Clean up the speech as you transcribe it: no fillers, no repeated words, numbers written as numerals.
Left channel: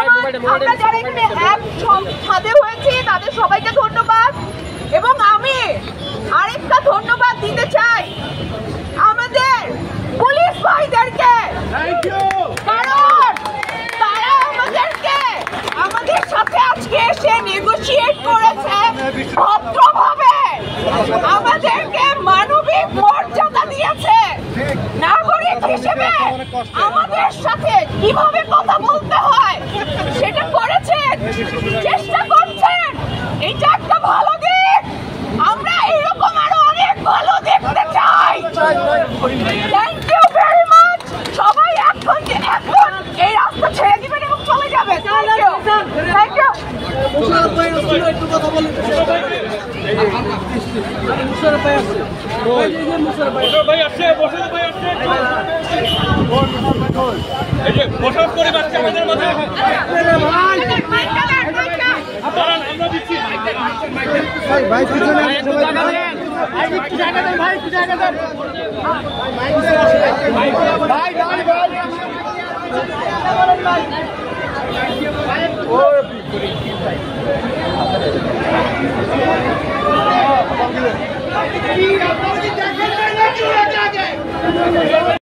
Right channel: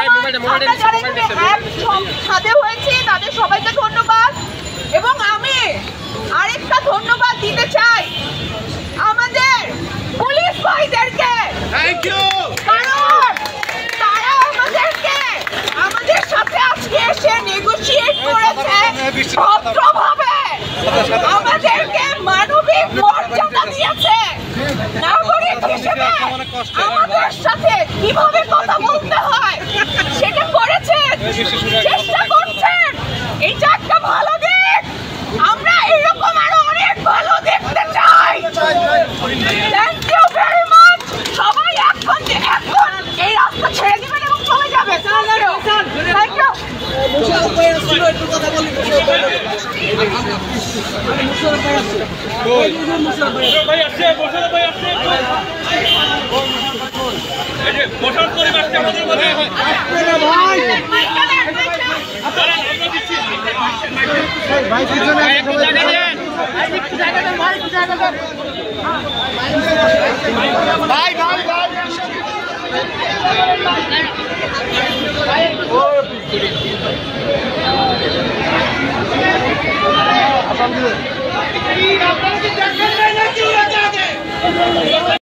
আমরা যারা এখানে সাথে হয়েছি তাদের সবাইকে ধন্যবাদ। এবং আমি আরেকটা ধন্যবাদ দিতে চাই আমাদের পুলিশ ভাইদেরকে, কারণ তারা আমাদের সাথে আজকে এসে নেগোশিয়েট করেছে ভদ্রভাবে, আমাদেরকে মানবিক মর্যাদা দিয়েছে। নাগরিক হিসেবে আমাদের সাথে কিভাবে কথা বলতে হয় সেটা করেছেন, চেষ্টা করছেন। এটা একটা ভালো দিক, আমরা এরকম আরো অনেক ভালো দেখতে চাই। Thank you very much. সবাই এখন এই রাস্তা ছেড়ে দিবেন এবং চলে যাবে। Thank you.